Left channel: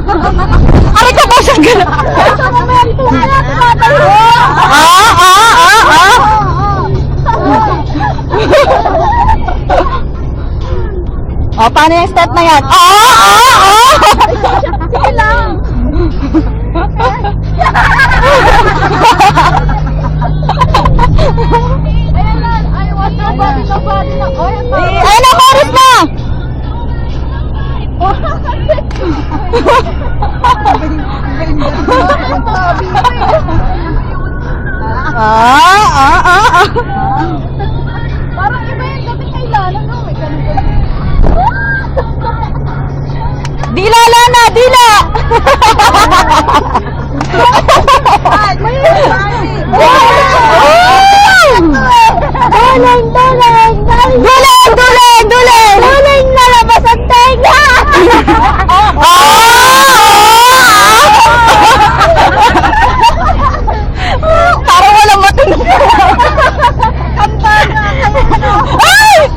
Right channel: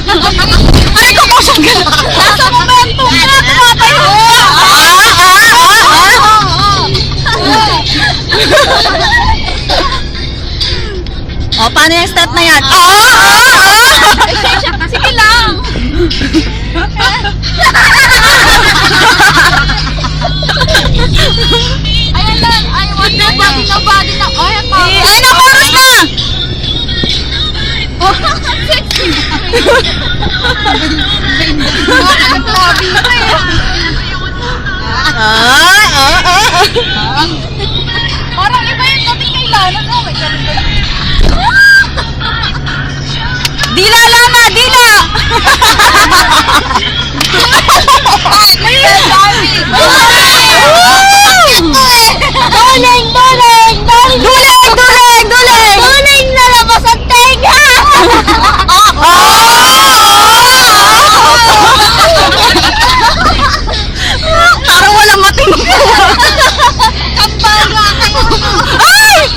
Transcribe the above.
Aray ko po siyang gano'n. Nasa momento nga, tumatayo ka. O, paano yung step na yan? Sige lang. Ayan lang. I want nobody na. Ay, ang power. Ayun ang chorus na! Oh, sexy. Ang tabi mo eh. Parang iba yung dating kay Lana, no? May ganun-ganun. Dila, Lana! Dila! Ay, may dami. Duling! Duling! Duling! Duling! Duling! Duling na labas ang tenga! Parang walang mating. Ang banga kayo. Ay!